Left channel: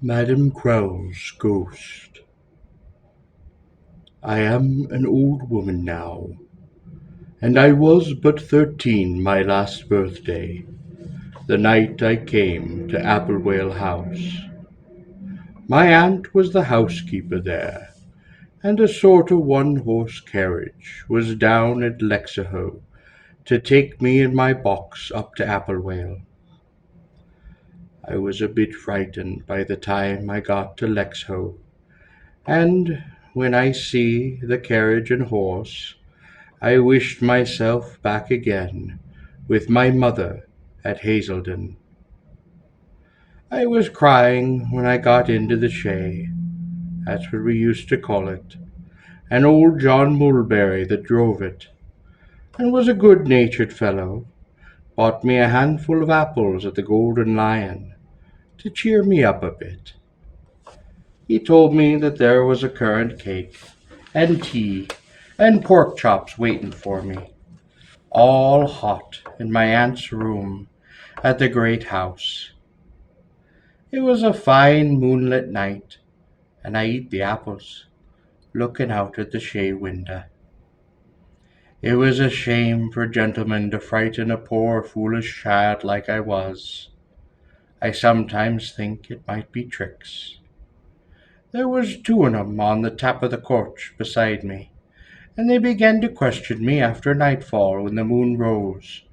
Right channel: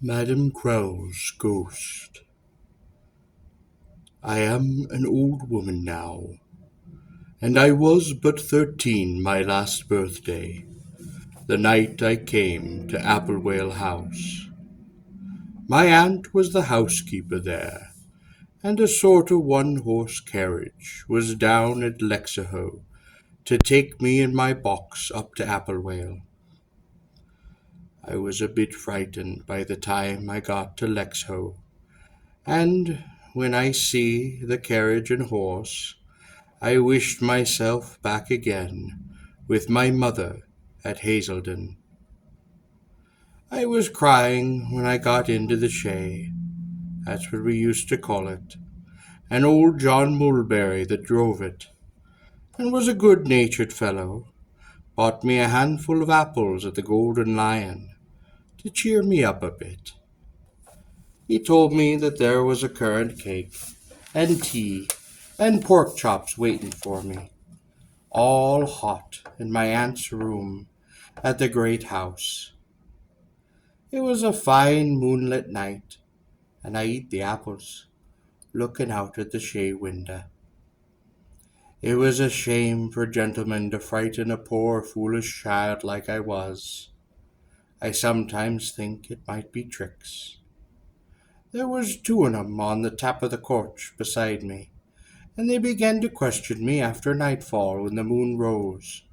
Madam Crowl's Ghost. I am an old woman now, and I was but 13 my last birthday, the night I came to Applewale House. My aunt was the housekeeper there, and a sort of one-horse carriage was down at Lexahoe to take me in my box up to Applewale. I was a bit frightened by the time I got to Lexhowe, and when I see the carriage and horse, I wished myself back again with my mother at Hazelden. I was crying when I got into the shay, that's what we used to call it, and old John Mulberry that drove it, and was a good-natured fellow, bought me a handful of apples at the Golden Lion to cheer me up a bit. He told me that there was a currant cake, and tea, and pork chops waiting for me, all hot in my aunt's room at the great house. It was a fine moonlit night, and I eat the apples, looking out at the shay window. It was a shame for gentlemen to frighten a poor foolish child like I was. I sometimes think it might be tricks. There was two on 'em on the tap of the coach beside me, and they began to question me after nightfall when the moon rose,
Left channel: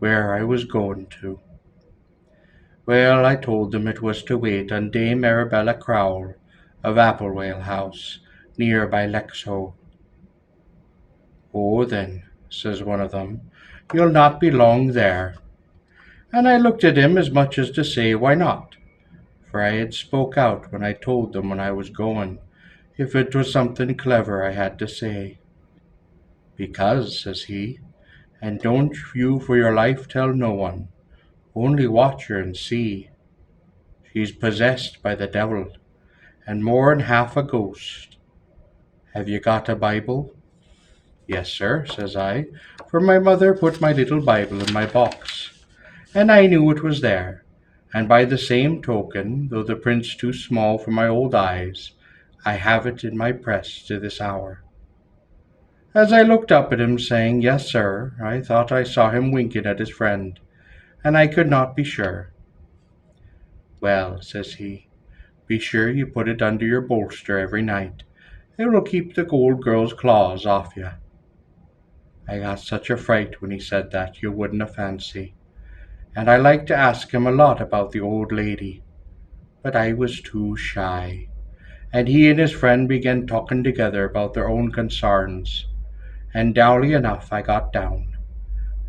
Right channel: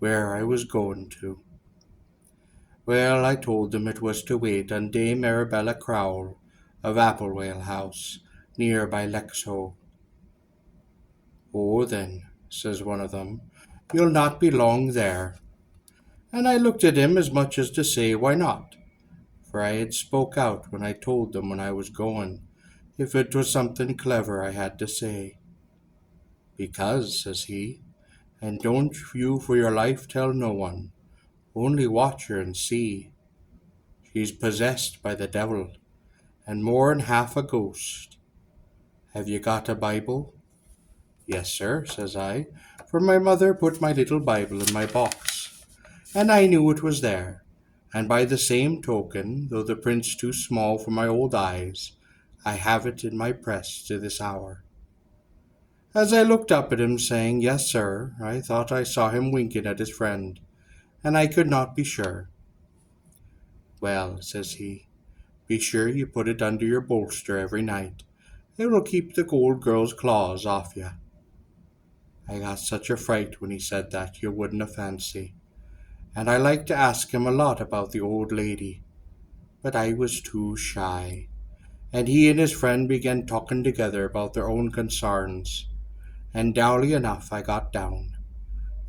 where I was going to. Well, I told them it was to wait on Dame Arabella Crowl of Applewale House, near by Lexhowe. "Oh, then," says one of them, "you'll not be long there." And I looked at him as much as to say, why not? For I had spoke out when I told them when I was going, if it was something clever I had to say. "Because," says he, "and don't you for your life tell no one, only watch her and see. She's possessed by the devil, and more'n half a ghost. Have you got a Bible?" "Yes, sir," says I, for my mother put my little Bible in my box, and I knew it was there, and by the same token, though the print's too small for my old eyes, I have it in my press to this hour. As I looked up at him, saying, "Yes, sir," I thought I saw him winking at his friend, and I could not be sure. "Well," says he, "be sure you put it under your bolster every night. It will keep the old girl's claws off you." I got such a fright when he said that you wouldn't a fancy, and I liked to ask him a lot about the old lady, but I was too shy, and he and his friend began talking together about their own concerns, and dowly enough I got down,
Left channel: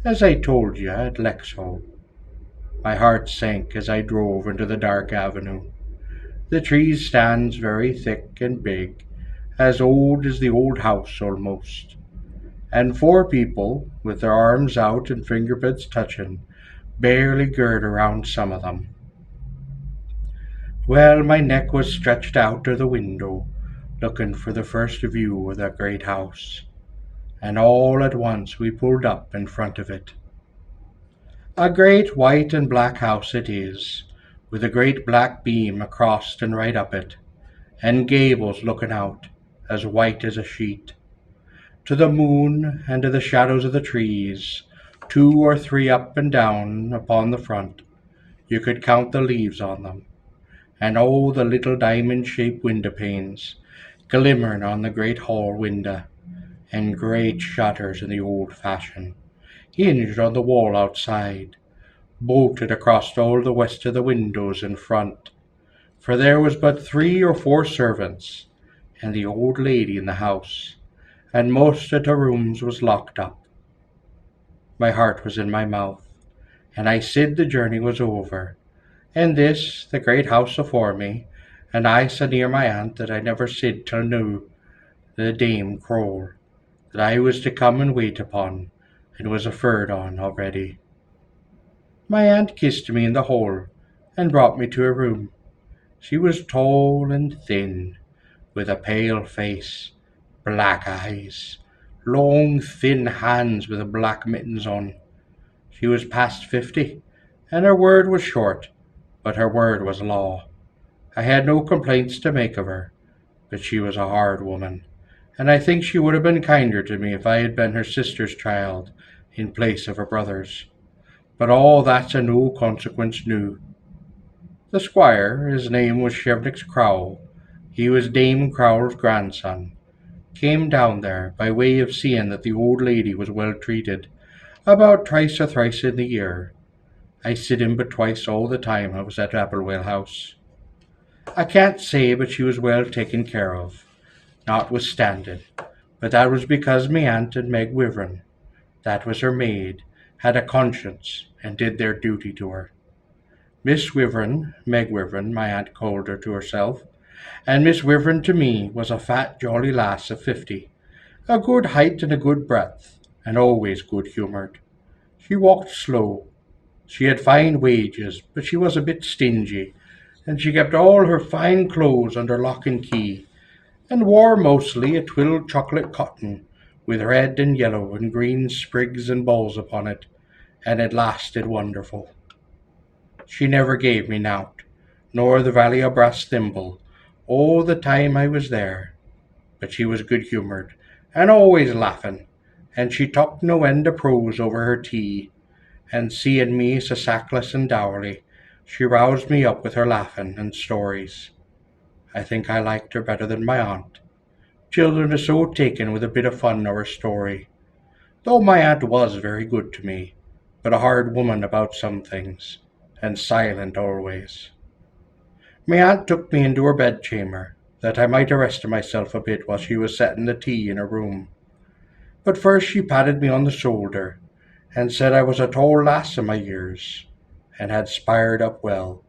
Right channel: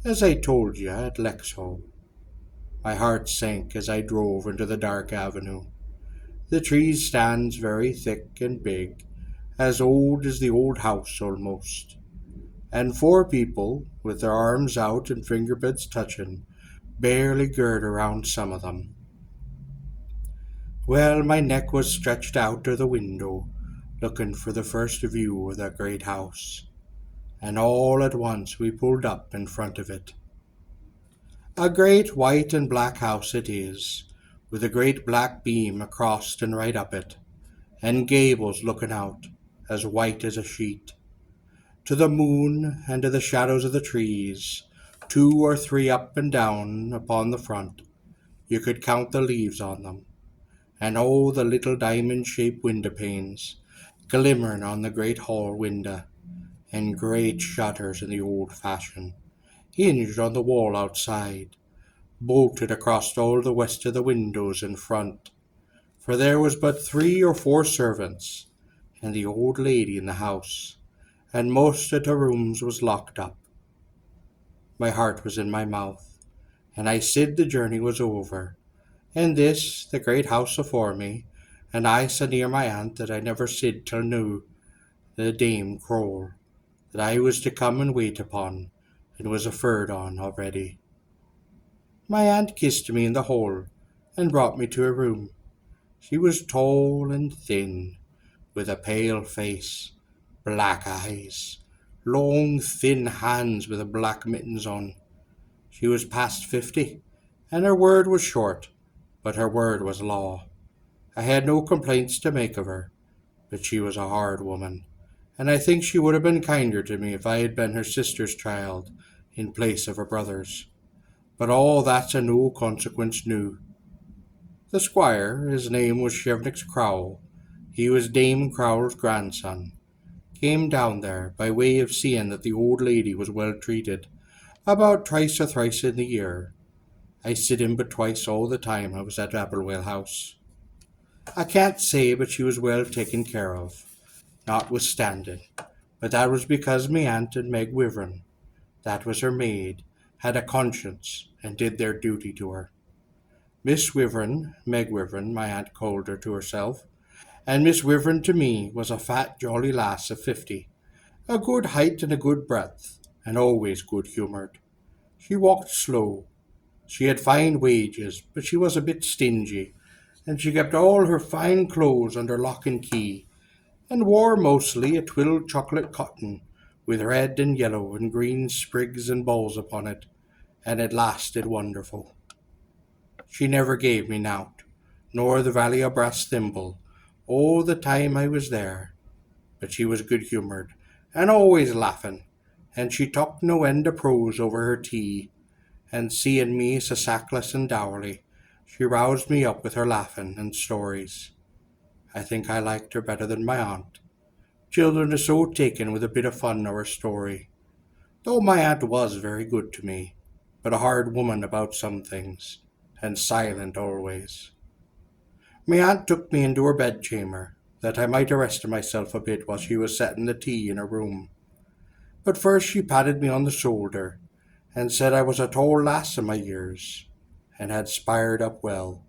as I told you, at Lexhowe. My heart sank as I drove into the dark avenue. The trees stands very thick and big, as old as the old house almost, and four people, with their arms out and fingertips touching, barely gird around some of them. Well, my neck was stretched out to the window, looking for the first view of that great house, and all at once we pulled up in front of it. A great white and black house it is, with a great black beam across and right up it, and gables looking out, as white as a sheet, to the moon and to the shadows of the trees, two or three up and down upon the front. You could count the leaves on them, and all the little diamond-shaped window panes, glimmering on the great hall window, and great shutters in the old fashion, hinged on the wall outside, bolted across all the west of the windows in front, for there was but 3 or 4 servants, and the old lady in the house, and most of the rooms was locked up. My heart was in my mouth, and I said the journey was over, and this, the great house afore me, and I so near my aunt that I never said till noo, the Dame Crowl, that I was to come and wait upon, and was afeard on already. My aunt kissed me in the hall, and brought me to her room. She was tall and thin, with a pale face, black eyes, long thin hands with black mittens on. She was past 50, and her word was short, but her word was law, I had no complaints to make of her, but she was a hard woman, and I think she would have been kinder to me if I had been her sister's child in place of her brother's. But all that's of no consequence noo. The squire, his name was Sheridan Crowl, he was Dame Crowl's grandson, came down there by way of seeing that the old lady was well treated, about twice or thrice in the year. I sit in but twice all the time I was at Applewell House. I can't say but she was well taken care of, notwithstanding, but that was because me aunt and Meg Wivern, that was her maid, had a conscience and did their duty to her. Miss Wivern, Meg Wivern, my aunt called her to herself, and Miss Wivern to me was a fat, jolly lass of 50, a good height and a good breadth, and always good humoured. She walked slow. She had fine wages, but she was a bit stingy, and she kept all her fine clothes under lock and key, and wore mostly a twilled chocolate cotton, with red and yellow and green sprigs and balls upon it, and it lasted wonderful. She never gave me nowt, nor the valley a brass thimble, all the time I was there, but she was good humoured, and always laughing, and she talked no end of prose over her tea, and seeing me so sackless and dourly, she roused me up with her laughing and stories. I think I liked her better than my aunt. Children are so taken with a bit of fun or a story, though my aunt was very good to me, but a hard woman about some things, and silent always. My aunt took me into her bedchamber, that I might rest myself a bit while she was setting the tea in her room. But first she patted me on the shoulder, and said I was a tall lass in my years, and had spired up well.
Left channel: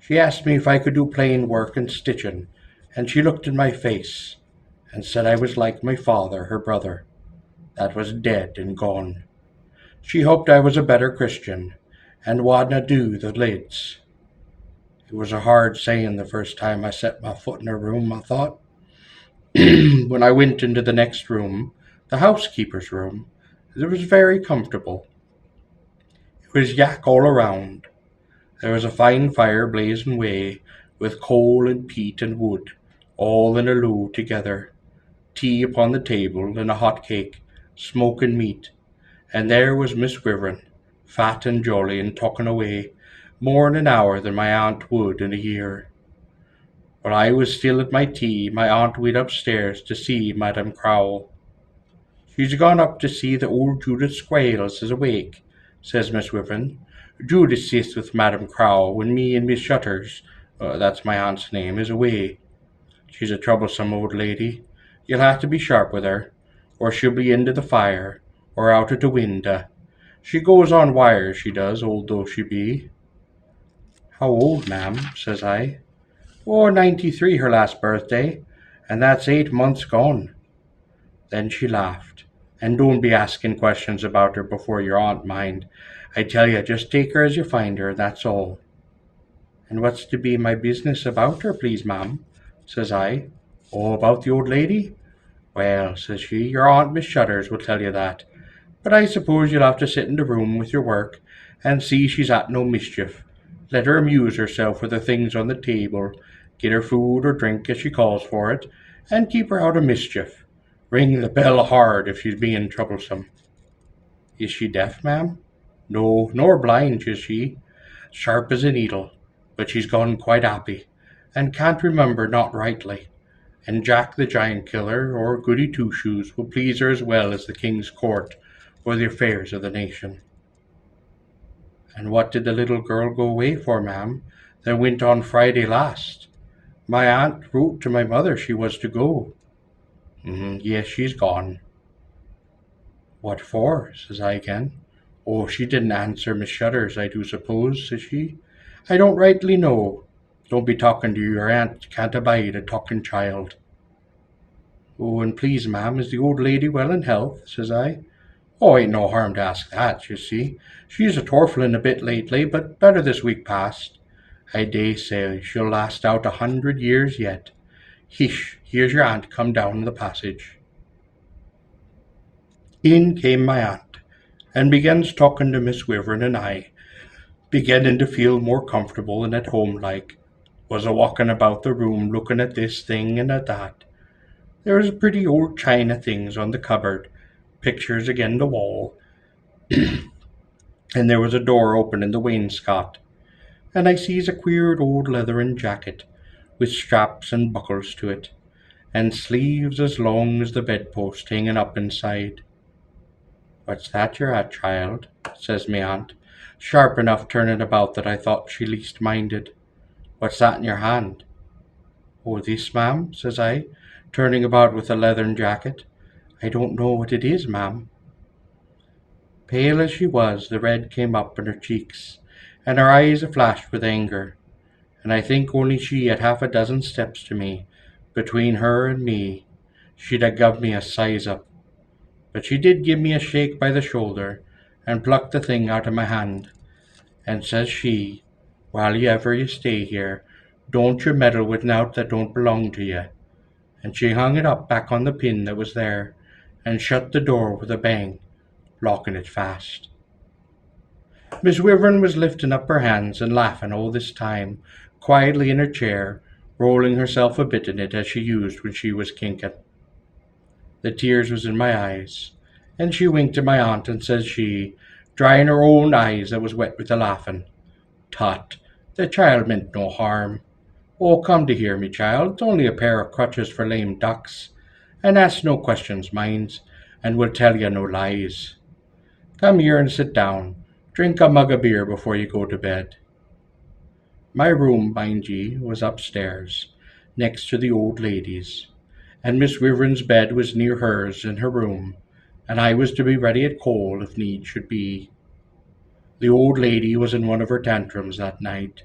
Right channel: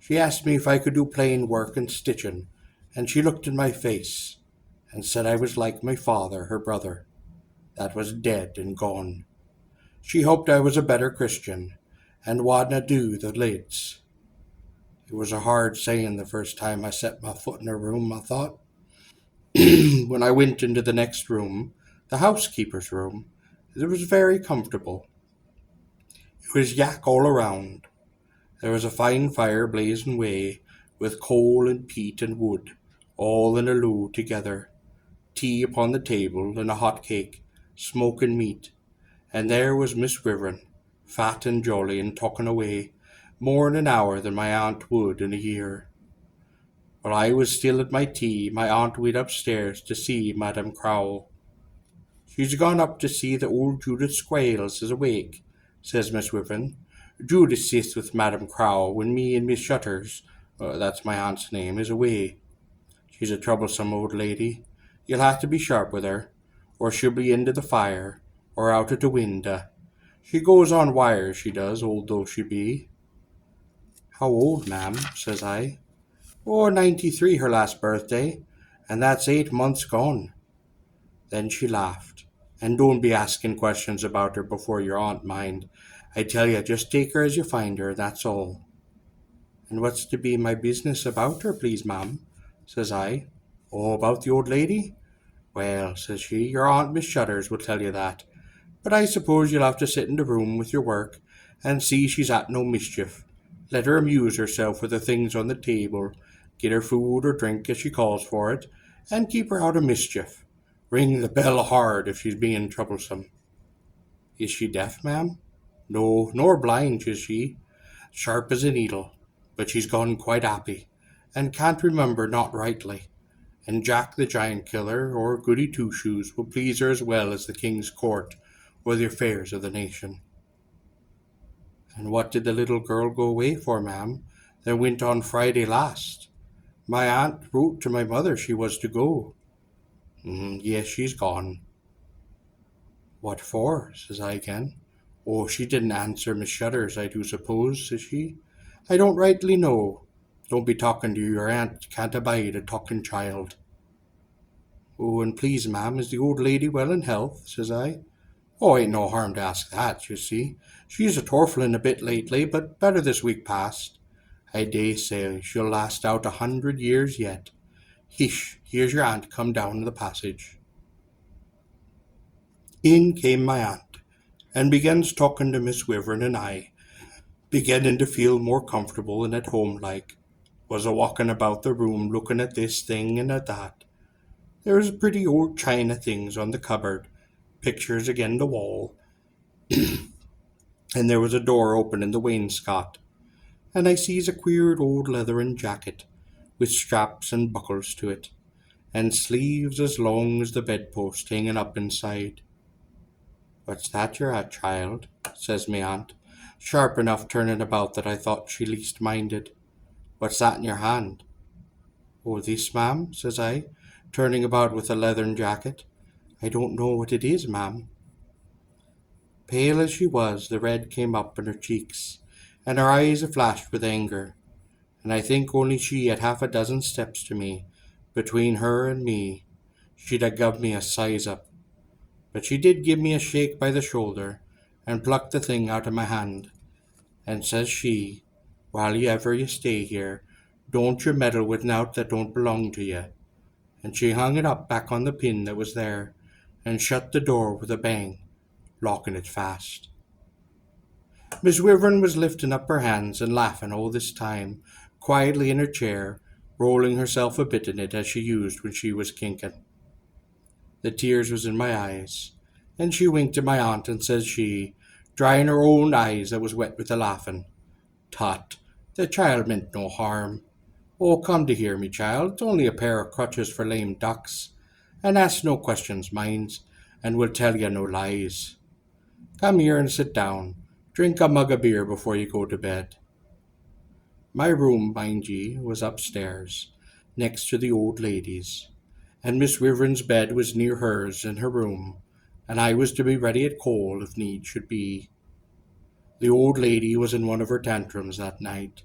She asked me if I could do plain work and stitching, and she looked in my face, and said I was like my father, her brother, that was dead and gone. She hoped I was a better Christian, and wadna do the lids. It was a hard saying the first time I set my foot in her room, I thought. When I went into the next room, the housekeeper's room, it was very comfortable. It was yak all around. There was a fine fire blazing away, with coal and peat and wood, all in a low together, tea upon the table, and a hot cake, smoking meat, and there was Miss Wivern, fat and jolly and talking away, more in an hour than my aunt would in a year. While I was still at my tea, my aunt went upstairs to see Madame Crowl. She's gone up to see that old Judith Squales is awake, says Miss Wivern. Judith sits with Madame Crowl when me and Miss Shutters, that's my aunt's name, is away. She's a troublesome old lady. You'll have to be sharp with her, or she'll be into the fire, or out at the window. She goes on wires, she does, old though she be. How old, ma'am? Says I. Oh, 93 her last birthday, and that's 8 months gone. Then she laughed. And don't be asking questions about her before your aunt, mind. I tell you, just take her as you find her, that's all. And what's to be my business about her, please, ma'am? Says I. Oh, about the old lady? Well, says she, your aunt Miss Shutters will tell you that. But I suppose you'll have to sit in the room with your work, and see she's at no mischief. Let her amuse herself with the things on the table, get her food or drink as she calls for it, and keep her out of mischief. Ring the bell hard if she's being troublesome. Is she deaf, ma'am? No, nor blind, is she. Sharp as a needle, but she's gone quite happy, and can't remember not rightly. And Jack the Giant Killer or Goody Two Shoes will please her as well as the King's Court or the affairs of the nation. And what did the little girl go away for, ma'am? That went on Friday last. My aunt wrote to my mother she was to go. Yes, she's gone. What for? Says I again. Oh, she didn't answer Miss Shutters, I do suppose, says she. I don't rightly know. Don't be talking to your aunt, can't abide a talking child. Oh, and please, ma'am, is the old lady well in health? Says I. Oh, ain't no harm to ask that, you see. She's a torflin a bit lately, but better this week past. I daysay she'll last out 100 years yet. Hish, here's your aunt come down the passage. In came my aunt, and begins talking to Miss Wivern and I, beginning to feel more comfortable and at home like. Was a walking about the room looking at this thing and at that. There was pretty old china things on the cupboard, pictures again the wall, and there was a door open in the wainscot, and I sees a queer old leathern jacket, with straps and buckles to it, and sleeves as long as the bedpost hanging up inside. "What's that you're at, child?" says me aunt, sharp enough turning about that I thought she least minded. "What's that in your hand?" "Oh, this, ma'am," says I, turning about with the leathern jacket. "I don't know what it is, ma'am." Pale as she was, the red came up in her cheeks, and her eyes flashed with anger, and I think only she had half a dozen steps to me. Between her and me, she'd ha' guv me a size up. But she did give me a shake by the shoulder, and plucked the thing out of my hand, and says she, "While ever you stay here, don't you meddle with nowt that don't belong to you." And she hung it up back on the pin that was there, and shut the door with a bang, locking it fast. Miss Wyvern was lifting up her hands and laughing all this time, quietly in her chair, rolling herself a bit in it as she used when she was kinking. The tears was in my eyes, and she winked at my aunt, and says she, drying her own eyes that was wet with the laughing, "Tut, the child meant no harm. Oh, come to hear me, child, it's only a pair of crutches for lame ducks, and ask no questions, mind, and we'll tell you no lies. Come here and sit down. Drink a mug of beer before you go to bed." My room, mind ye, was upstairs, next to the old lady's, and Miss Wyvern's bed was near hers in her room, and I was to be ready at call if need should be. The old lady was in one of her tantrums that night,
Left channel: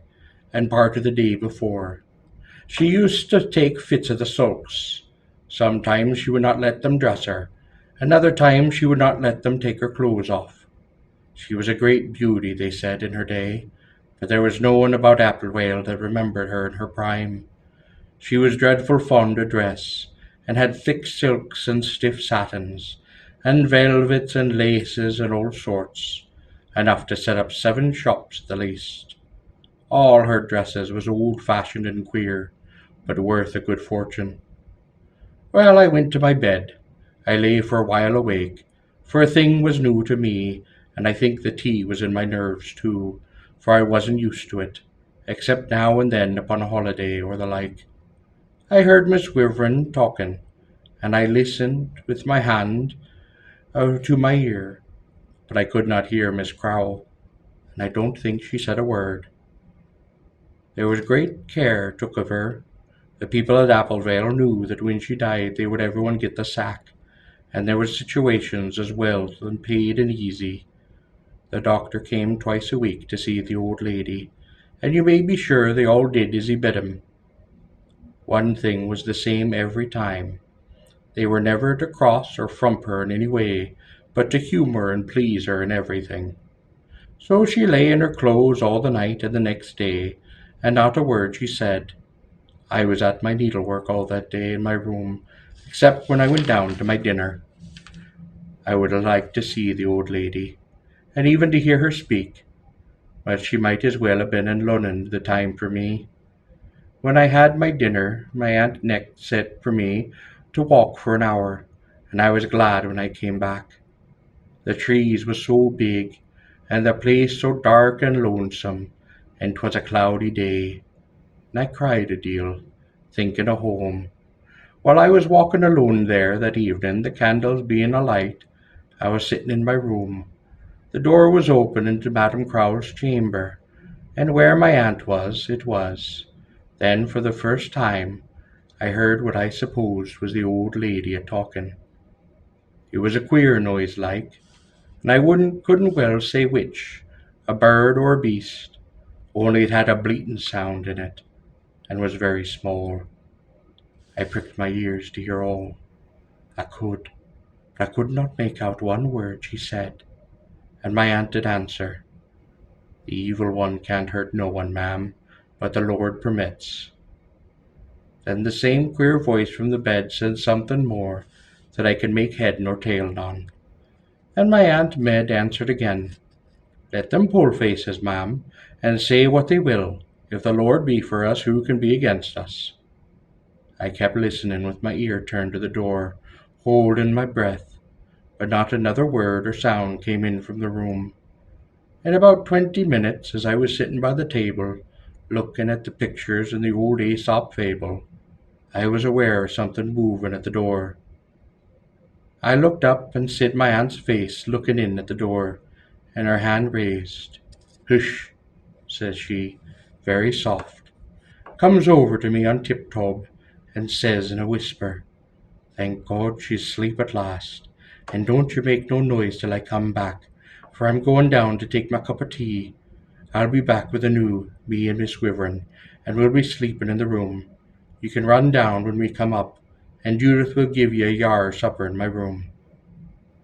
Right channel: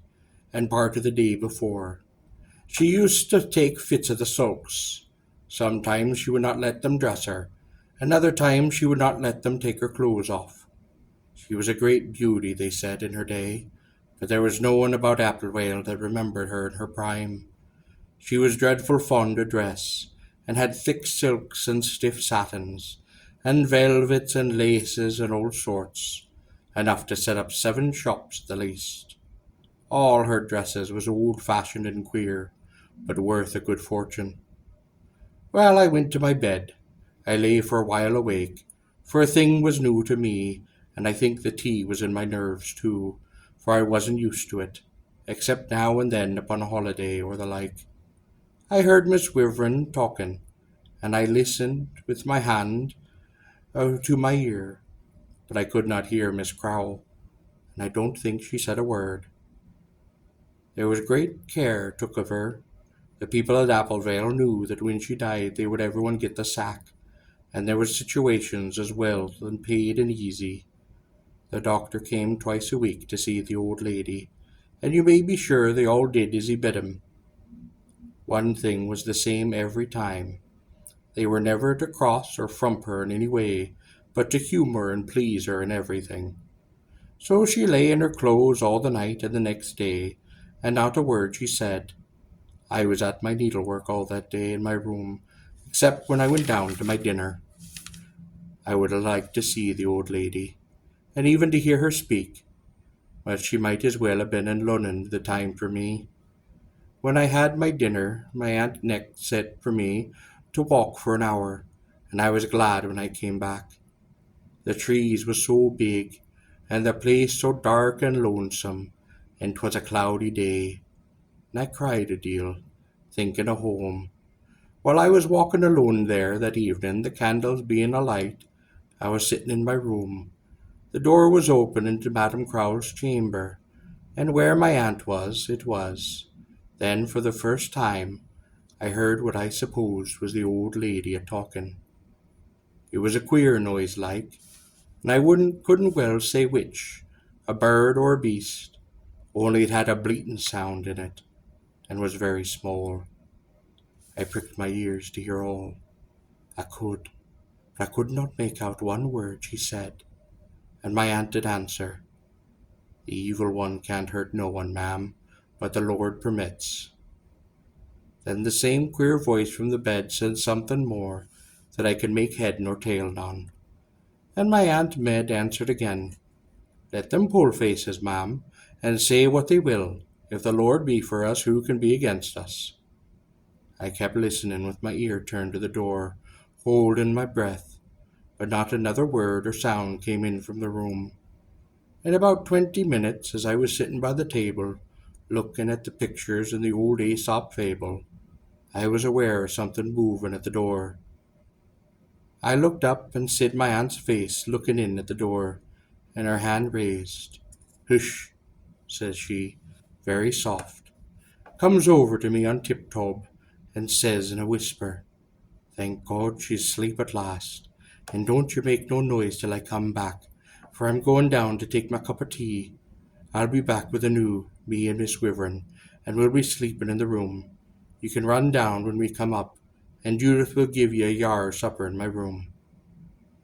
and part of the day before. She used to take fits of the sulks. Sometimes she would not let them dress her, another time she would not let them take her clothes off. She was a great beauty, they said, in her day, but there was no one about Applewhale that remembered her in her prime. She was dreadful fond o' dress, and had thick silks and stiff satins, and velvets and laces and all sorts, enough to set up 7 shops at the least. All her dresses was old-fashioned and queer, but worth a good fortune. Well, I went to my bed. I lay for a while awake, for a thing was new to me, and I think the tea was in my nerves too, for I wasn't used to it, except now and then upon a holiday or the like. I heard Miss Wyvern talking, and I listened with my hand to my ear, but I could not hear Miss Crowl, and I don't think she said a word. There was great care took of her. The people at Applevale knew that when she died they would everyone get the sack, and there was situations as well and paid and easy. The doctor came twice a week to see the old lady, and you may be sure they all did as he bid 'em. One thing was the same every time. They were never to cross or frump her in any way, but to humour and please her in everything. So she lay in her clothes all the night and the next day, and not a word she said. I was at my needlework all that day in my room, except when I went down to my dinner. I would have liked to see the old lady, and even to hear her speak, but she might as well have been in Lunnon the time for me. When I had my dinner, my aunt next said for me to walk for an hour, and I was glad when I came back. The trees was so big, and the place so dark and lonesome, and 'twas a cloudy day, and I cried a deal, thinking of home. While I was walking alone there that evening, the candles being alight, I was sitting in my room. The door was open into Madam Crowl's chamber, and where my aunt was, it was. Then, for the first time, I heard what I supposed was the old lady a-talking. It was a queer noise like, and I couldn't well say which, a bird or a beast, only it had a bleating sound in it, and was very small. I pricked my ears to hear all. But I could not make out one word she said, and my aunt did answer, "The evil one can't hurt no one, ma'am, but the Lord permits." Then the same queer voice from the bed said something more that I could make head nor tail on, and my Aunt Med answered again, "Let them pull faces, ma'am, and say what they will. If the Lord be for us, who can be against us? I kept listening with my ear turned to the door, holding my breath, but not another word or sound came in from the room. In about 20 minutes, as I was sitting by the table, looking at the pictures in the old Aesop fable, I was aware of something moving at the door. I looked up and said my aunt's face looking in at the door, and her hand raised. "Hush," says she, very soft, comes over to me on tiptoe, and says in a whisper, "Thank God she's asleep at last, and don't you make no noise till I come back, for I'm going down to take my cup of tea. I'll be back with the new, me and Miss Wyvern, and we'll be sleeping in the room. You can run down when we come up, and Judith will give you a yar supper in my room."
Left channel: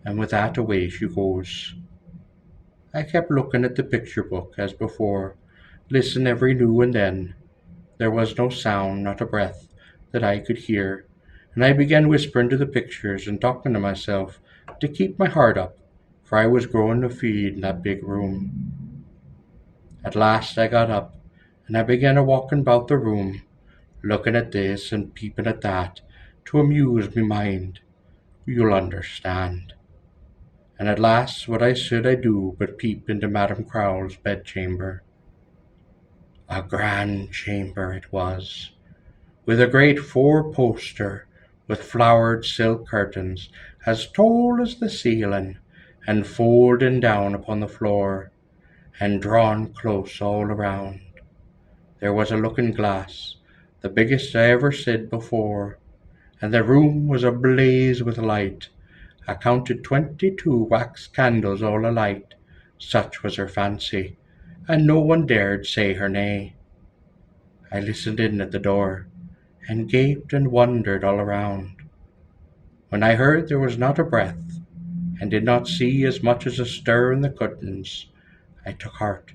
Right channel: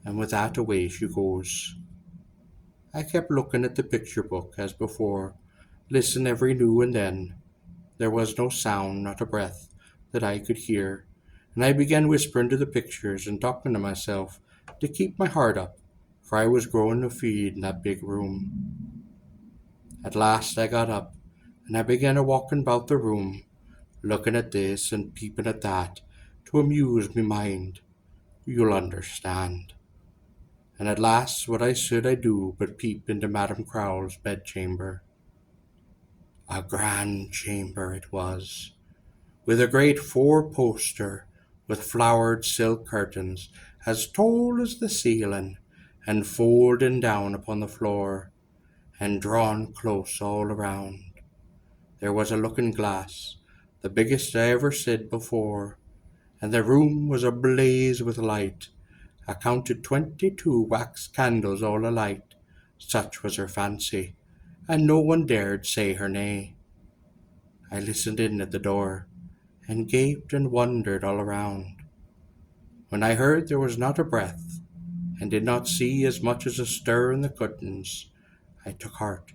And with that away she goes. I kept looking at the picture book as before, listened every now and then. There was no sound, not a breath, that I could hear, and I began whispering to the pictures and talking to myself to keep my heart up, for I was growing afeard in that big room. At last I got up, and I began a walking about the room, looking at this and peeping at that, to amuse me mind. You'll understand. And at last what I should I do but peep into Madame Crowl's bedchamber. A grand chamber it was, with a great four-poster, with flowered silk curtains, as tall as the ceiling, and folding down upon the floor, and drawn close all around. There was a looking-glass, the biggest I ever said before, and the room was ablaze with light. I counted 22 wax candles all alight, such was her fancy, and no one dared say her nay. I listened in at the door, and gaped and wondered all around. When I heard there was not a breath, and did not see as much as a stir in the curtains, I took heart,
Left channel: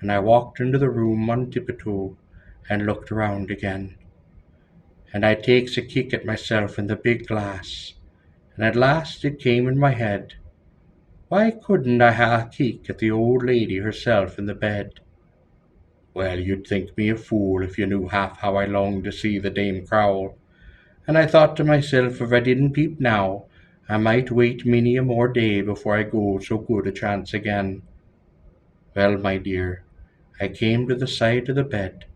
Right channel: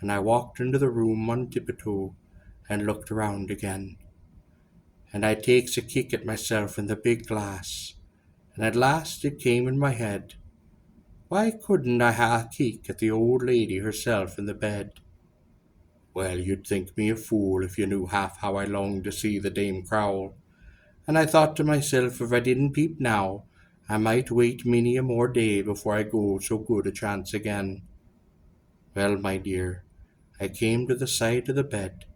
and I walked into the room on tiptoe, and looked around again. And I takes a kick at myself in the big glass, and at last it came in my head, why couldn't I ha' a kick at the old lady herself in the bed? Well, you'd think me a fool if you knew half how I longed to see the Dame Crowl, and I thought to myself if I didn't peep now, I might wait many a more day before I go so good a chance again. Well, my dear, I came to the side of the bed,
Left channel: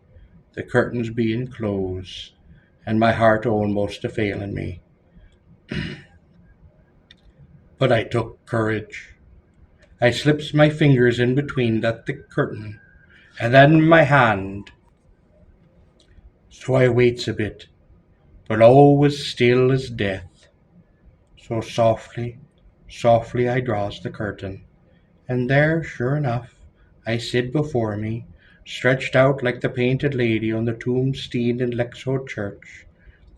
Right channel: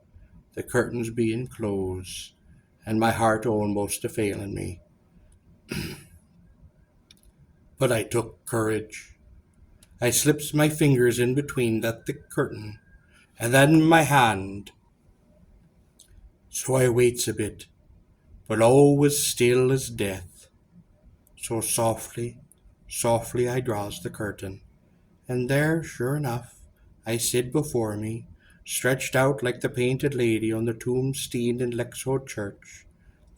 the curtains being closed, and my heart almost a failing me. But I took courage. I slips my fingers in between that thick curtain, and then my hand. So I waits a bit, but all was still as death. So softly, softly I draws the curtain, and there, sure enough, I sid before me, stretched out like the painted lady on the tombstone in Lexow Church,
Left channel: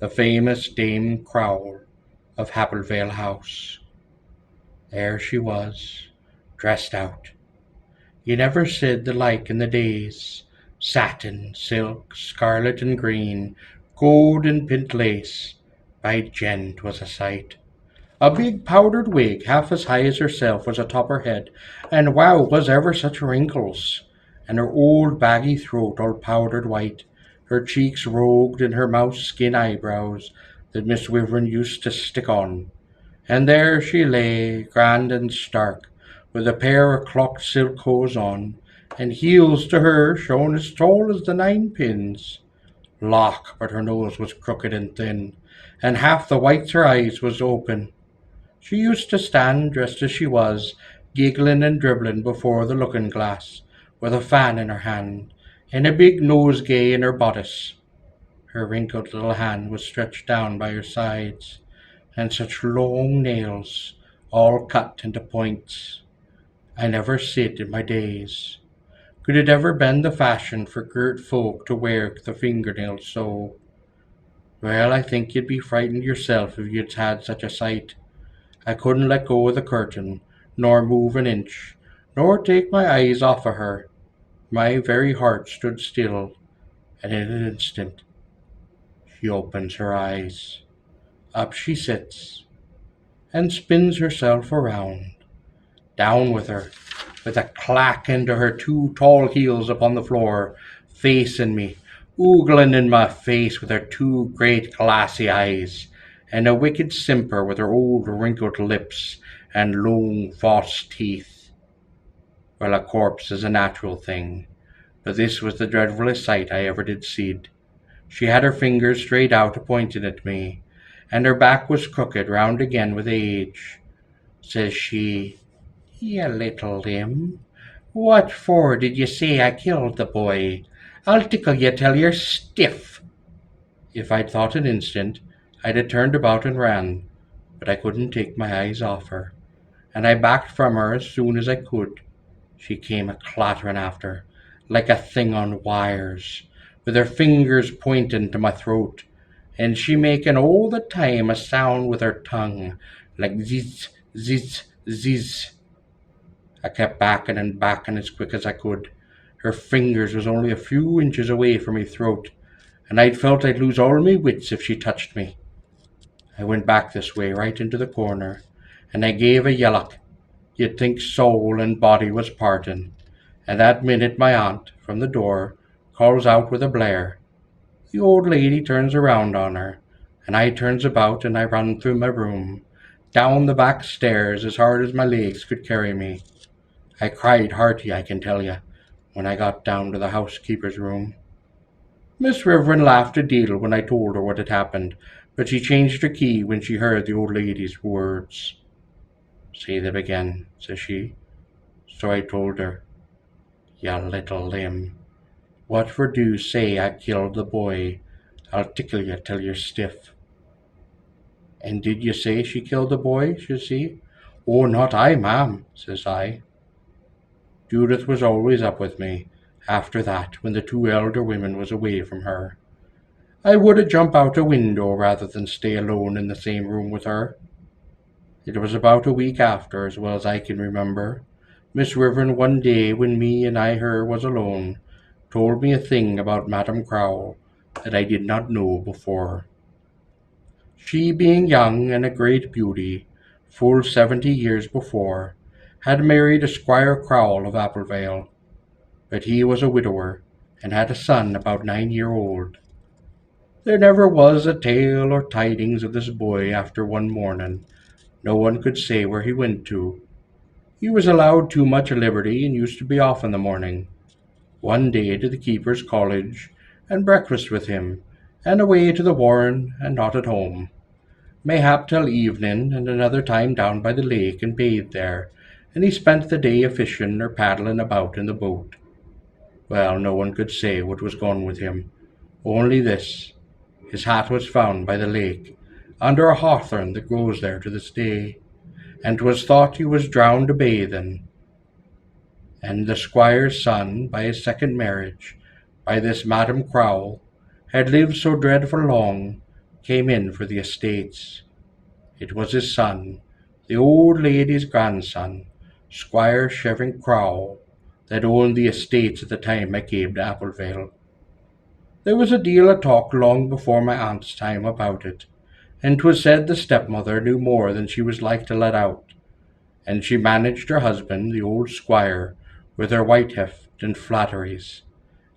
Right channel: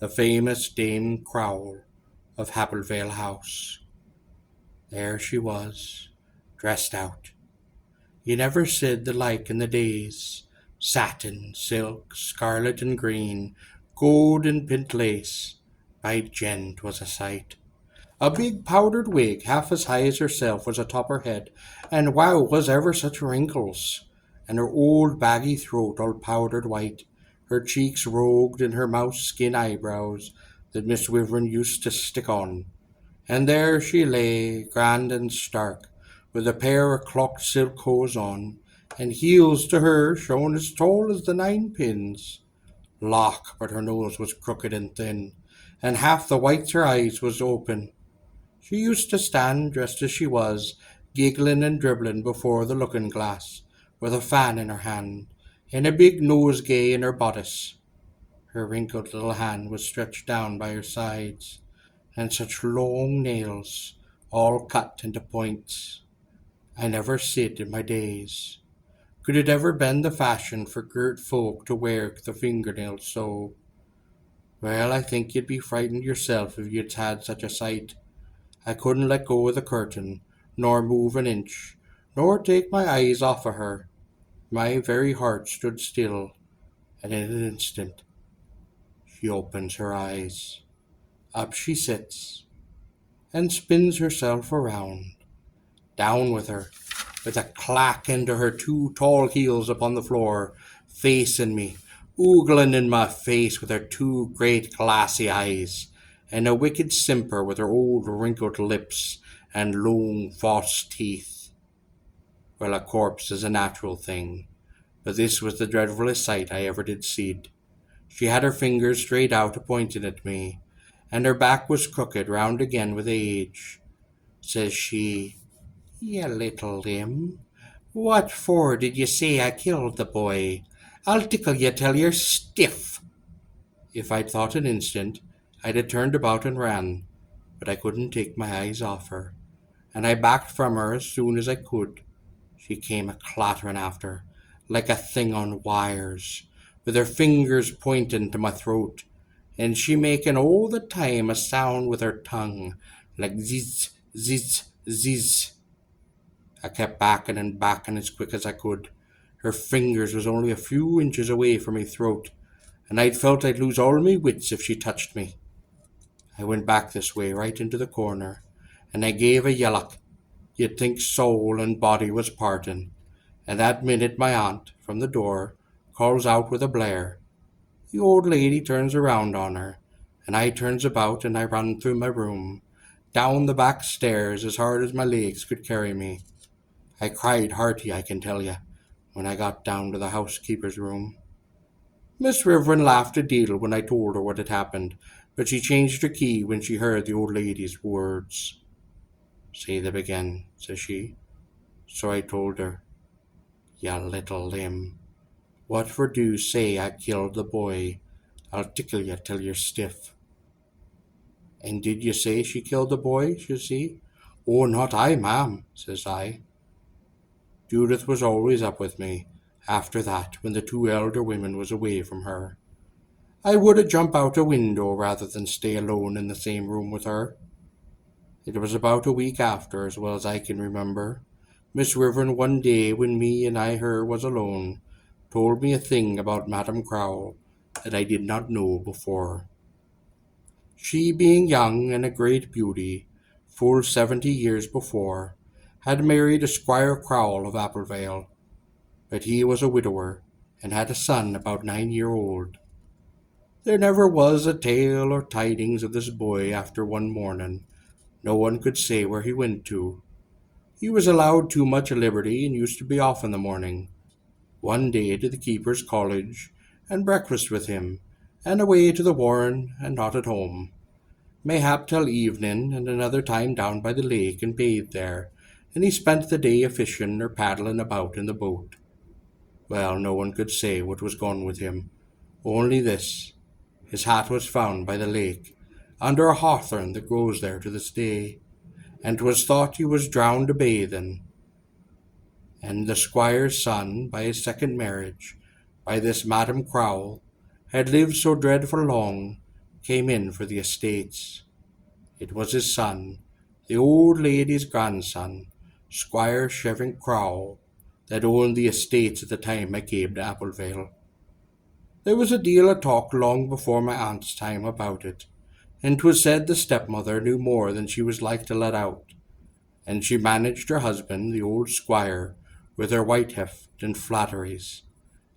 the famous Dame Crowl of Applevale House. There she was, dressed out. You never said the like in the days. Satin, silk, scarlet and green, gold and pint lace. By gent, 'twas a sight. A big powdered wig, half as high as herself, was atop her head, and wow, was ever such wrinkles! And her old baggy throat all powdered white, her cheeks rogued, and her mouse skin eyebrows that Miss Wyvern used to stick on. And there she lay, grand and stark, with a pair of clocked silk hose on, and heels to her shone as tall as the 9 pins. Lock, but her nose was crooked and thin, and half the whites her eyes was open. She used to stand, dressed as she was, giggling and dribbling before the looking-glass, with a fan in her hand, and a big nosegay in her bodice. Her wrinkled little hand was stretched down by her sides, and such long nails, all cut into points. I never said in my days, could it ever been the fashion for girt folk to wear the fingernails so? Well, I think you'd be frightened yourself if you'd had such a sight. I couldn't let go of the curtain, nor move an inch, nor take my eyes off of her. My very heart stood still, and in an instant she opens her eyes. Up she sits, and spins herself around. Down with her, with a clack into her two tall heels upon the floor, facing me, oogling in my face with her two great glassy eyes, and a wicked simper with her old wrinkled lips and long false teeth. Well, a corpse is a natural thing, but this was the dreadfullest sight I ever did see'd. She had her fingers straight out a pointing at me, and her back was crooked round again with age. Says she, "You little limb, what for did you say I killed the boy? I'll tickle you till you're stiff." If I'd thought an instant, I'd have turned about and ran, but I couldn't take my eyes off her, and I backed from her as soon as I could. She came a clattering after, like a thing on wires, with her fingers pointing to my throat, and she making all the time a sound with her tongue, like ziz, ziz, ziz. I kept backing and backing as quick as I could. Her fingers was only a few inches away from me throat, and I'd felt I'd lose all me wits if she touched me. I went back this way, right into the corner, and I gave a yellock. You'd think soul and body was parting. And that minute my aunt, from the door, calls out with a blare. The old lady turns around on her, and I turns about and I run through my room, down the back stairs as hard as my legs could carry me. I cried hearty, I can tell you, when I got down to the housekeeper's room. Miss Reverend laughed a deal when I told her what had happened, but she changed her key when she heard the old lady's words. "Say them again," says she. So I told her, "You little limb, what for do you say I killed the boy? I'll tickle you till you're stiff." "And did you say she killed the boy?" says she. "Oh, not I, ma'am," says I. Judith was always up with me, after that, when the two elder women was away from her. I would a jump out a window rather than stay alone in the same room with her. It was about a week after, as well as I can remember. Miss Reverend one day, when me and I her was alone, told me a thing about Madame Crowl that I did not know before. She, being young and a great beauty, full 70 years before, had married a Squire Crowl of Applevale, but he was a widower, and had a son about 9 year old. There never was a tale or tidings of this boy after one morning. No one could say where he went to. He was allowed too much liberty, and used to be off in the morning, one day to the keeper's college, and breakfast with him, and away to the warren, and not at home. Mayhap till evening, and another time down by the lake and bathed there, and he spent the day a fishing or paddling about in the boat. Well, no one could say what was gone with him, only this: his hat was found by the lake, under a hawthorn that grows there to this day, and 'twas thought he was drowned a bathing. And the squire's son, by his second marriage, by this Madam Crowl, had lived so dreadful long, came in for the estates. It was his son, the old lady's grandson, Squire Sheridan Crowl, that owned the estates at the time I came to Applevale. There was a deal of talk long before my aunt's time about it, and 'twas said the stepmother knew more than she was like to let out, and she managed her husband, the old squire, with her white heft and flatteries,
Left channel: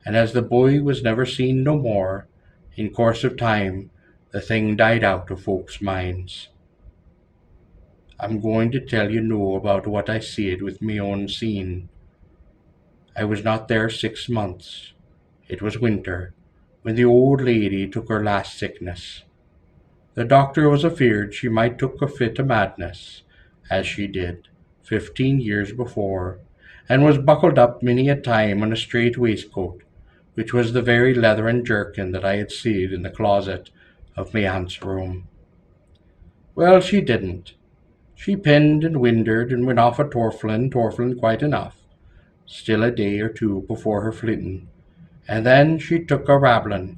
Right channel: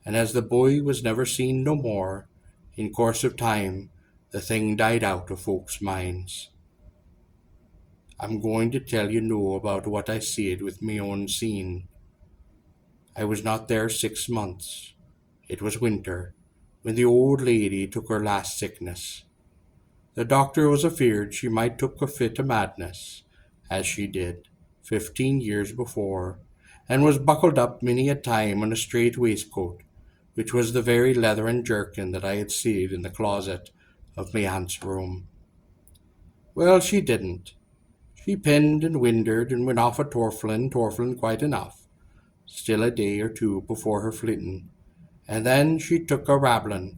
and as the boy was never seen no more, in course of time the thing died out of folks' minds. I'm going to tell you no about what I seed with me own seen. I was not there 6 months. It was winter, when the old lady took her last sickness. The doctor was afeard she might took a fit of madness, as she did, 15 years before, and was buckled up many a time in a strait waistcoat, which was the very leathern jerkin that I had seed in the closet of my aunt's room. Well, she didn't. She pinned and windered and went off a torflin quite enough, still a day or two before her flitting, and then she took a rabblin',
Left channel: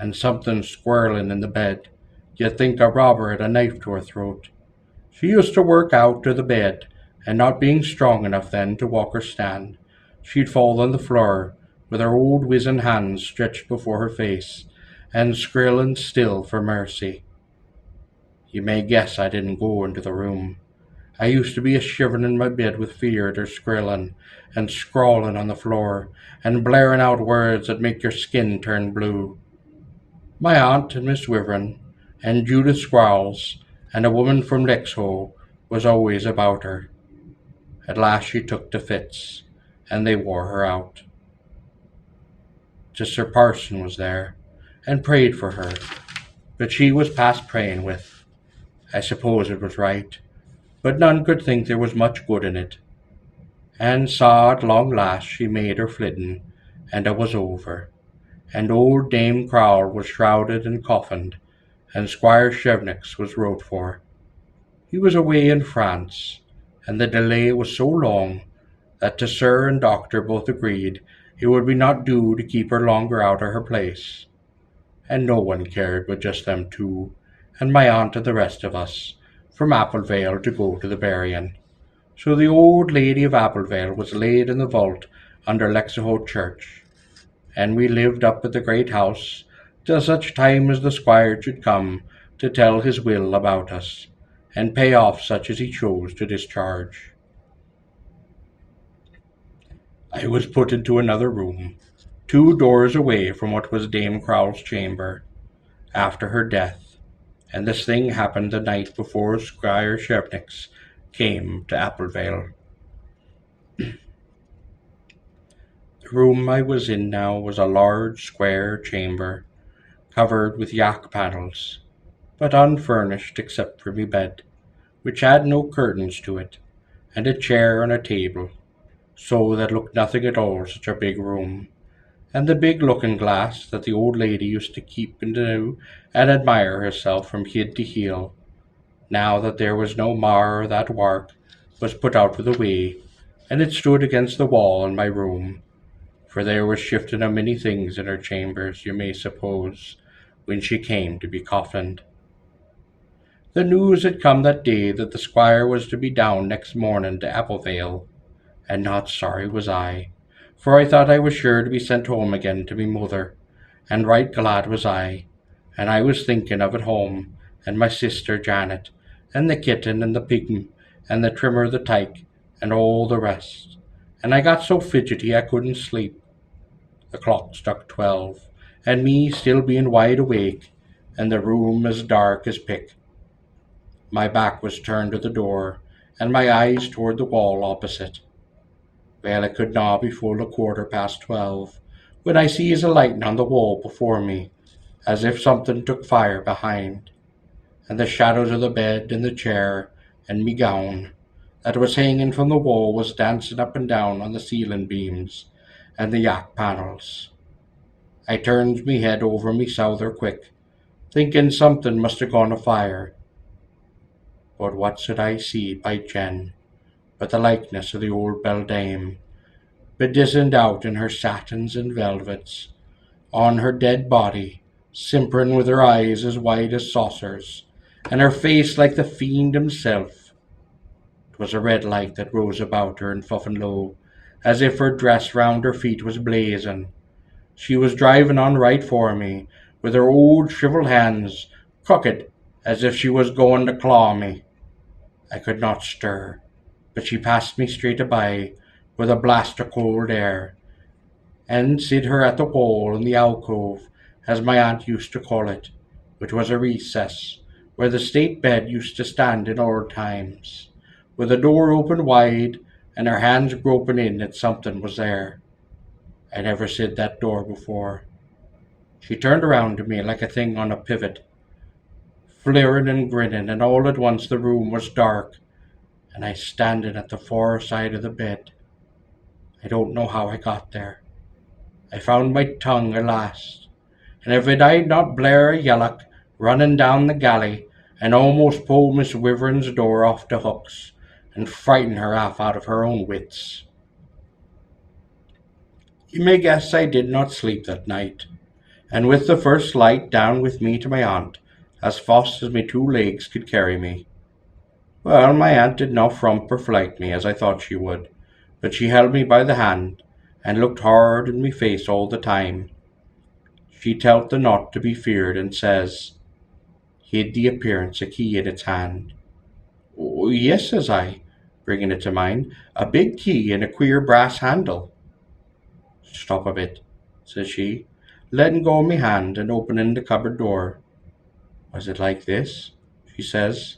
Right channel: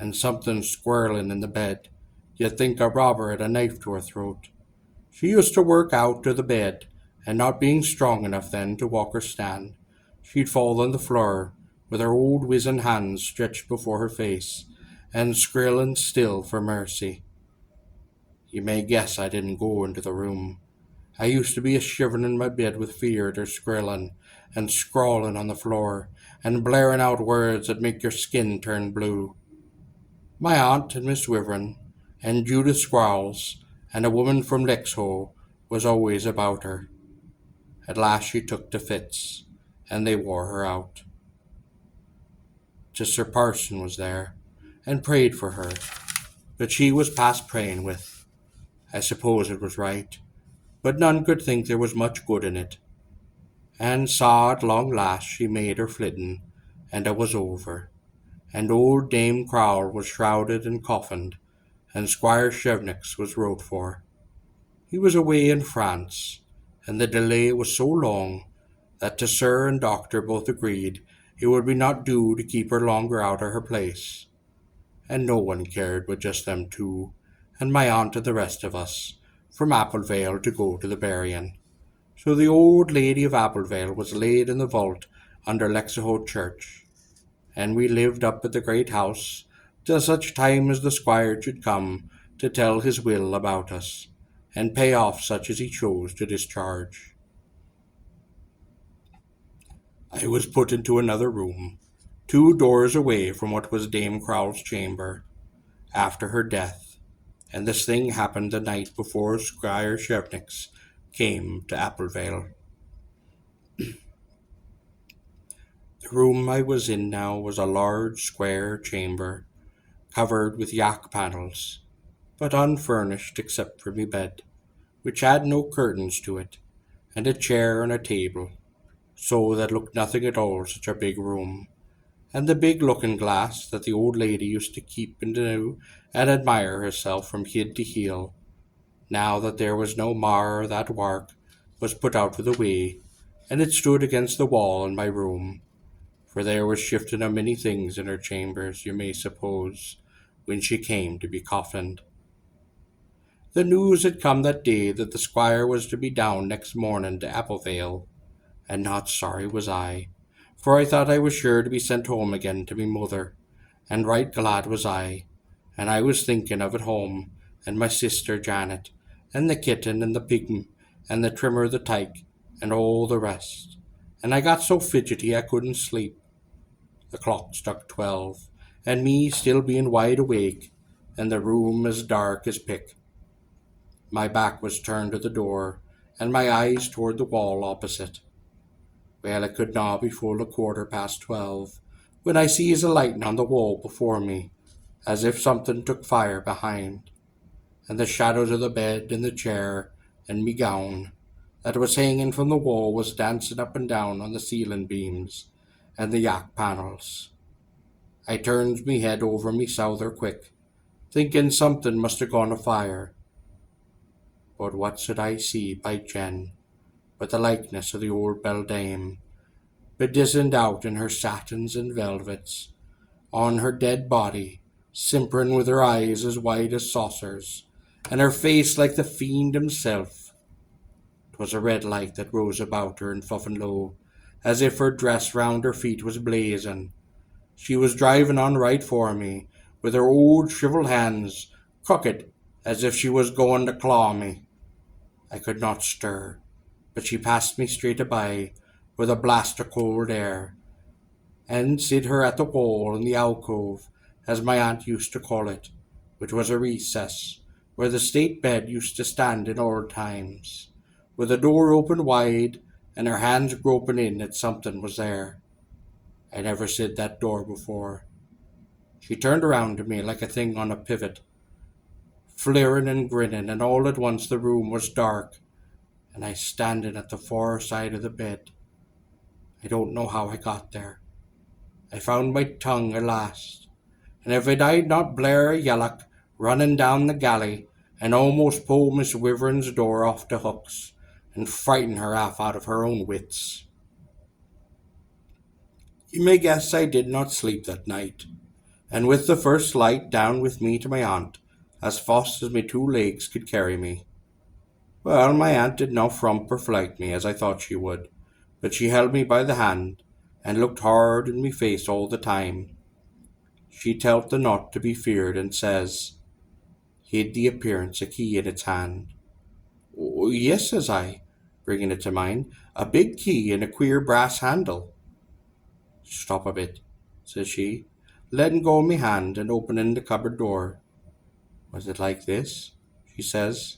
and something squirrelin' in the bed. You'd think a robber had a knife to her throat. She used to work out to the bed, and not being strong enough then to walk or stand, she'd fall on the floor, with her old wizen hands stretched before her face, and skrillin' still for mercy. You may guess I didn't go into the room. I used to be a shiverin' in my bed with fear at her skrillin', and scrawling on the floor, and blaring out words that make your skin turn blue. My aunt and Miss Wyvern, and Judith Crowls, and a woman from Lexhow was always about her. At last she took to fits, and they wore her out. Just Sir Parson was there, and prayed for her, but she was past praying with. I suppose it was right, but none could think there was much good in it. And saw at long last she made her flitting, and it was over, and old Dame Crowl was shrouded and coffined, and Squire Shevnix was wrote for. He was away in France, and the delay was so long that to Sir and Doctor both agreed it would be not due to keep her longer out of her place. And no one cared but just them two, and my aunt and the rest of us, from Applevale to go to the burying. So the old lady of Applevale was laid in the vault under Lexhow Church, and we lived up at the great house till such time as the squire should come to tell his will about us, and pay off such as he chose to discharge. I was put into another room, 2 doors away from what was Dame Crowl's chamber, after her death, and this thing happened the night before Squire Shevnix came to Applevale. The room I was in now was a large square chamber, covered with yak panels, but unfurnished except for me bed, which had no curtains to it, and a chair and a table, so that looked nothing at all such a big room, and the big looking glass that the old lady used to keep into and admire herself from head to heel, now that there was no mar or that wark, was put out of the way, and it stood against the wall in my room, for there was shifting a many things in her chambers, you may suppose, when she came to be coffined. The news had come that day that the squire was to be down next morning to Applevale, and not sorry was I, for I thought I was sure to be sent home again to me mother, and right glad was and I was thinking of at home, and my sister Janet, and the kitten and the pig, and the trimmer the tyke, and all the rest, and I got so fidgety I couldn't sleep. The clock struck 12, and me still being wide awake, and the room as dark as pick. My back was turned to the door, and my eyes toward the wall opposite. Well, it could not be full a quarter past 12, when I sees a lighting on the wall before me, as if something took fire behind, and the shadows of the bed and the chair and me gown that was hanging from the wall was dancing up and down on the ceiling beams and the yak panels. I turns me head over me souther quick, thinking something must have gone afire. But what should I see, by Jen, but the likeness of the old beldame, bedizened out in her satins and velvets, on her dead body, simpering with her eyes as wide as saucers, and her face like the fiend himself. 'Twas a red light that rose about her and fuffin' low, as if her dress round her feet was blazing. She was driving on right for me, with her old shrivelled hands crooked as if she was going to claw me. I could not stir, but she passed me straight by, with a blast of cold air, and sid her at the wall in the alcove, as my aunt used to call it, which was a recess, where the state bed used to stand in old times, with the door open wide, and her hands groping in that something was there. I never sid that door before. She turned around to me like a thing on a pivot, fleering and grinning, and all at once the room was dark, and I standing at the far side of the bed. I don't know how I got there. I found my tongue at last, and if it I'd not blare a yellock, running down the galley, and almost pull Miss Wyvern's door off the hooks, and frighten her half out of her own wits. You may guess I did not sleep that night, and with the first light down with me to my aunt, as fast as my 2 legs could carry me. Well, my aunt did not frump or flight me, as I thought she would, but she held me by the hand, and looked hard in me face all the time. She telt the not to be feared, and says, "He'd the appearance a key in its hand." "Oh, yes," says I, bringing it to mind. A big key and a queer brass handle. Stop a bit, says she, letting go of me hand and opening the cupboard door. Was it like this? She says,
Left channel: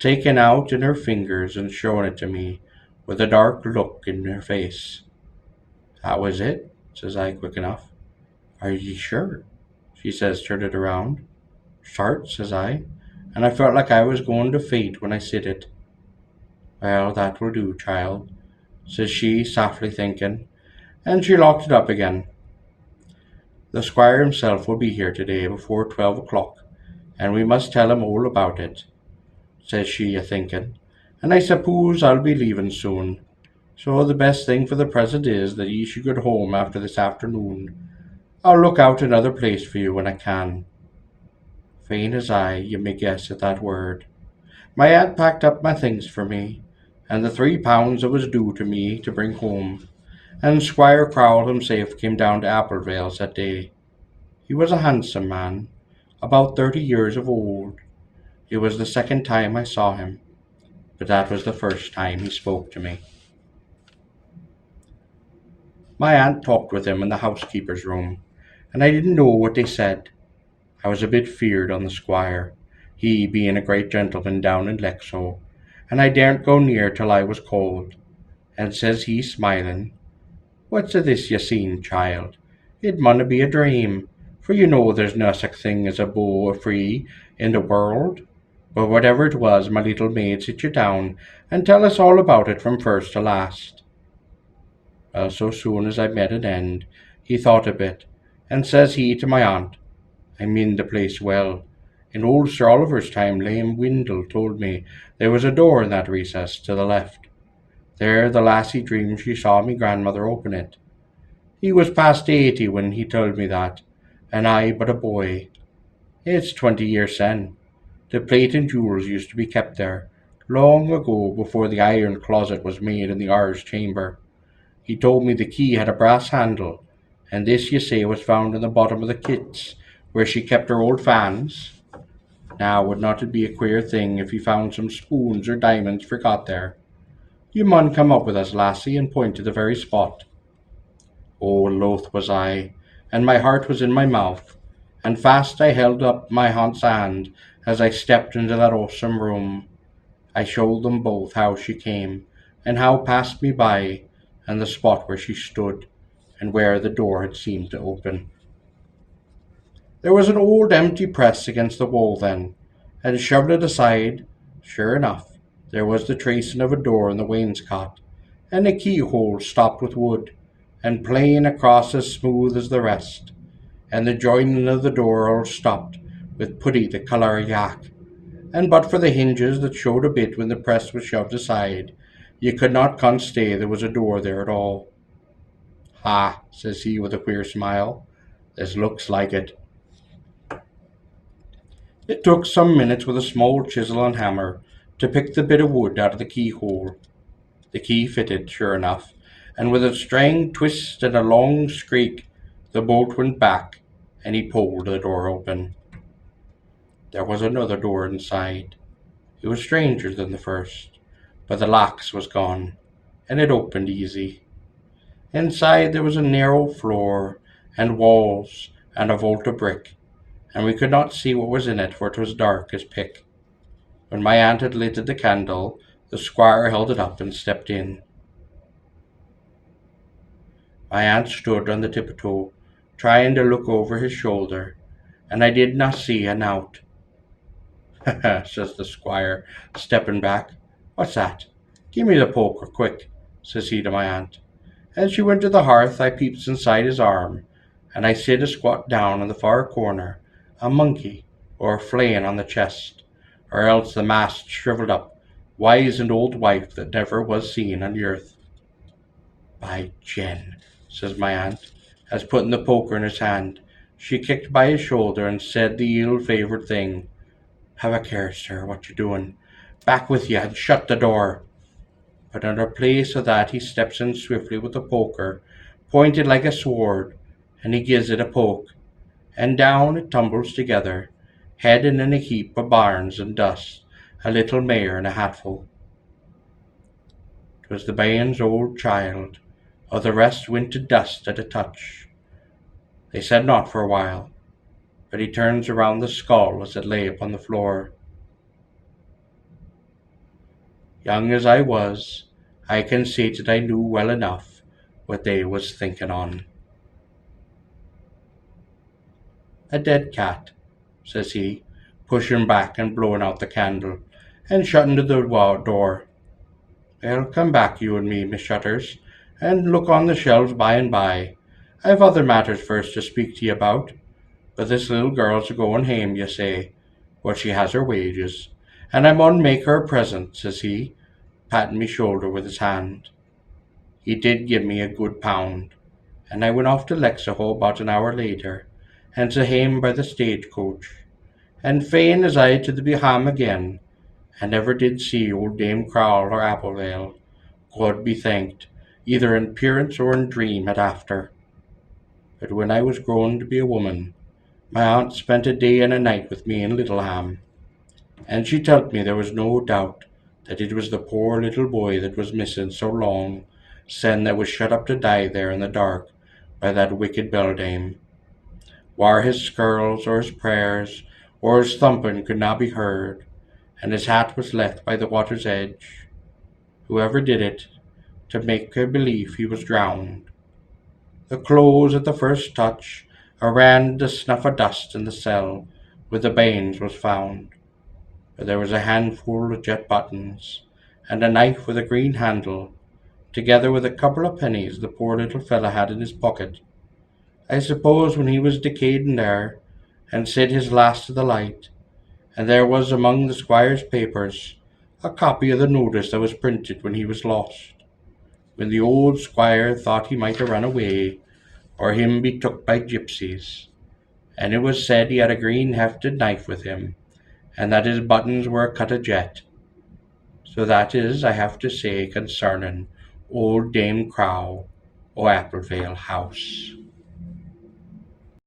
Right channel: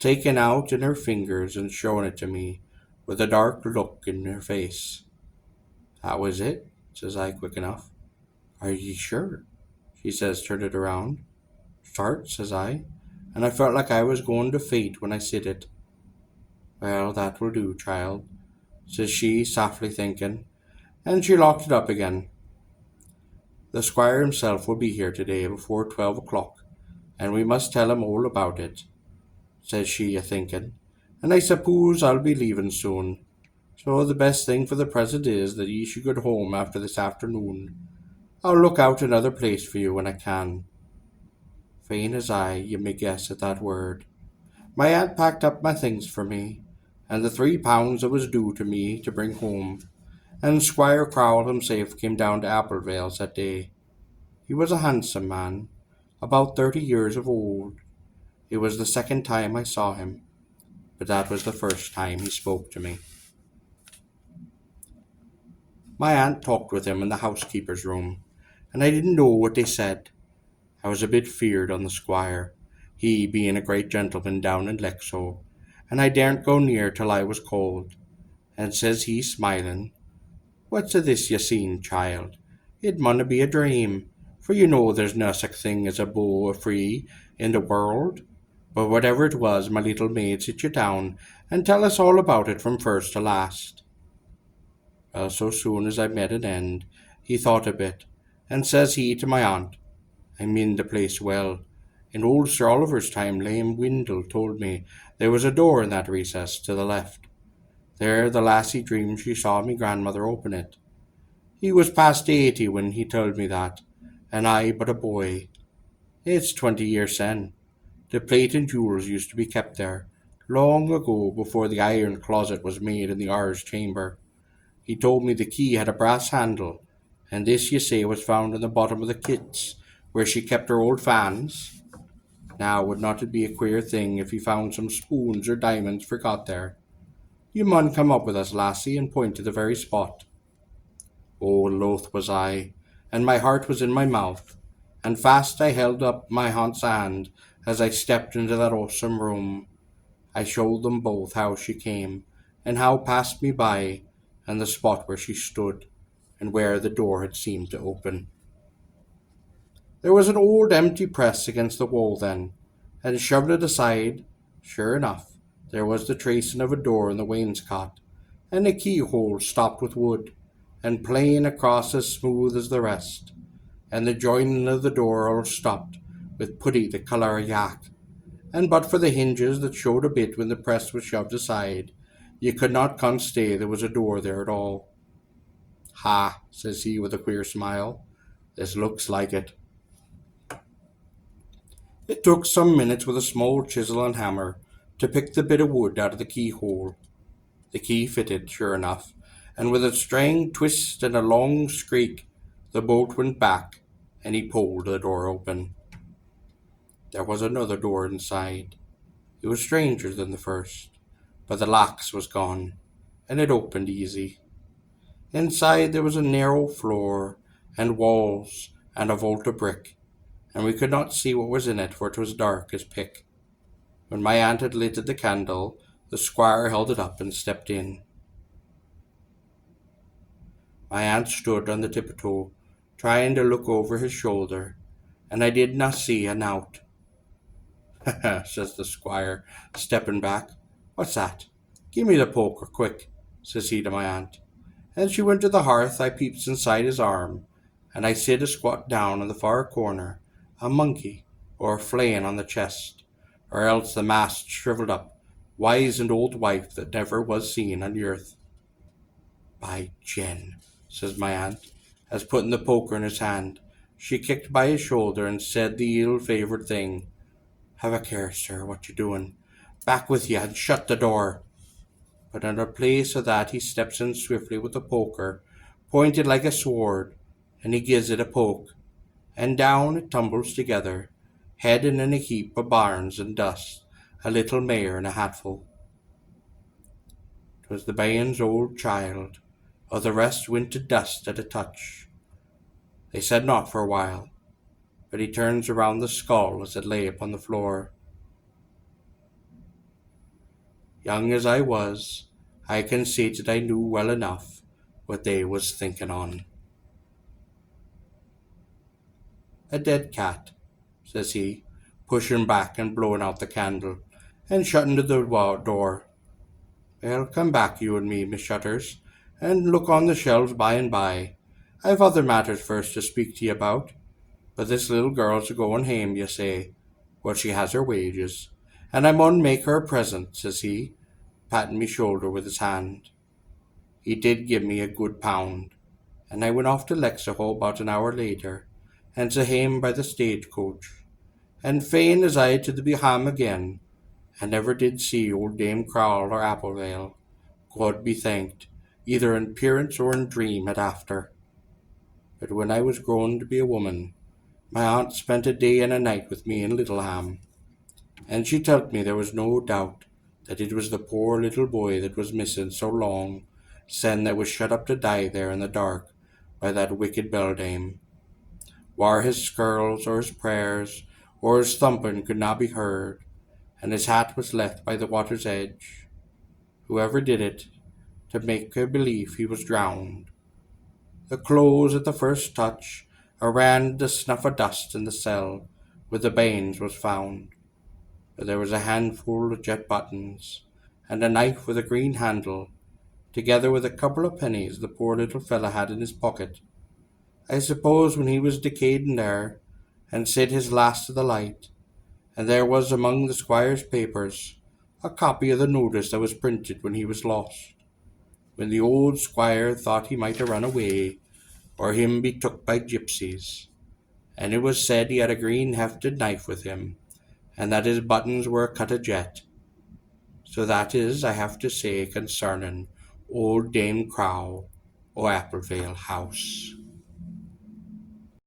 taking out in her fingers and showing it to me, with a dark look in her face. That was it, says I quick enough. Are you sure? She says, turn it around. Start, says I, and I felt like I was going to faint when I said it. Well, that will do, child, says she, softly thinking, and she locked it up again. The squire himself will be here today before 12 o'clock, and we must tell him all about it, says she, a thinking, and I suppose I'll be leaving soon. So the best thing for the present is that ye should get home after this afternoon. I'll look out another place for you when I can. Faint as I, you may guess at that word. My aunt packed up my things for me, and the £3 that was due to me to bring home, and Squire Crowl himself came down to Applevales that day. He was a handsome man, about 30 years of old. It was the second time I saw him, but that was the first time he spoke to me. My aunt talked with him in the housekeeper's room, and I didn't know what they said. I was a bit feared on the squire, he being a great gentleman down in Lexo, and I daren't go near till I was called. And says he, smiling, what's a this ye seen, child? It munna be a dream, for you know there's no such thing as a beau free in the world. But whatever it was, my little maid, sit you down and tell us all about it from first to last. So soon as I met an end, he thought a bit, and says he to my aunt, I mean the place well. In old Sir Oliver's time, Lame Windle told me there was a door in that recess to the left. There the lassie dreamed she saw me grandmother open it. He was past 80 when he told me that, and I but a boy. It's 20 years sen. The plate and jewels used to be kept there, long ago before the iron closet was made in the R's chamber. He told me the key had a brass handle, and this, you say, was found in the bottom of the kits, where she kept her old fans. Now, would not it be a queer thing if he found some spoons or diamonds forgot there? You mun come up with us, lassie, and point to the very spot. Oh, loth was I, and my heart was in my mouth, and fast I held up my aunt's hand as I stepped into that awesome room. I showed them both how she came, and how passed me by, and the spot where she stood, and where the door had seemed to open. There was an old empty press against the wall then, and shoved it aside, sure enough, there was the tracing of a door in the wainscot, and a keyhole stopped with wood, and plain across as smooth as the rest, and the joining of the door all stopped, with putty the colour of yak, and but for the hinges that showed a bit when the press was shoved aside, you could not constay there was a door there at all. Ha, says he with a queer smile, this looks like it. It took some minutes with a small chisel and hammer to pick the bit of wood out of the keyhole. The key fitted, sure enough, and with a strange twist and a long squeak, the bolt went back, and he pulled the door open. There was another door inside. It was stranger than the first, but the locks was gone, and it opened easy. Inside there was a narrow floor, and walls, and a vault of brick, and we could not see what was in it, for it was dark as pick. When my aunt had lighted the candle, the squire held it up and stepped in. My aunt stood on the tiptoe, trying to look over his shoulder, and I did not see a nowt. Says the squire, stepping back. What's that? Give me the poker, quick, says he to my aunt. As she went to the hearth, I peeps inside his arm, and I sid a squat down in the far corner, a monkey, or a flayin' on the chest, or else the mast shrivelled up, wizened old wife that never was seen on the earth. By Jen, says my aunt, as putting the poker in his hand, she kicked by his shoulder and said the ill-favoured thing. Have a care, sir, what you're doing. Back with you and shut the door. But under place of that he steps in swiftly with the poker, pointed like a sword, and he gives it a poke, and down it tumbles together, heading in a heap of barns and dust, a little mare in a hatful. 'Twas the bairn's old child, all the rest went to dust at a touch. They said naught for a while, but he turns around the skull as it lay upon the floor. Young as I was, I can say that I knew well enough what they was thinking on. A dead cat, says he, pushing back and blowing out the candle, and shutting the door. Well, come back, you and me, Miss Shutters, and look on the shelves by and by. I've other matters first to speak to ye about. But this little girl's a going hame, ye say. Well, she has her wages, and I mun make her a present, says he, patting me shoulder with his hand. He did give me a good pound, and I went off to Lexaho about an hour later, and to hame by the stagecoach. And fain as I to be hame again, and never did see old Dame Crowl or Applevale, God be thanked, either in appearance or in dream at after. But when I was grown to be a woman, my aunt spent a day and a night with me in Littleham, and she told me there was no doubt that it was the poor little boy that was missing so long, sen that was shut up to die there in the dark by that wicked beldame. Whar his skirls or his prayers or his thumping could not be heard, and his hat was left by the water's edge. Whoever did it, to make her believe he was drowned. The clothes at the first touch ran the snuff of dust in the cell where the bairns was found. But there was a handful of jet buttons, and a knife with a green handle, together with a couple of pennies the poor little fellow had in his pocket. I suppose when he was decaying there, and said his last to the light, and there was among the squire's papers a copy of the notice that was printed when he was lost, when the old squire thought he might have run away, or him be took by gypsies, and it was said he had a green hefted knife with him, and that his buttons were cut a jet. So that is, I have to say concerning old Dame Crow o' Applevale House.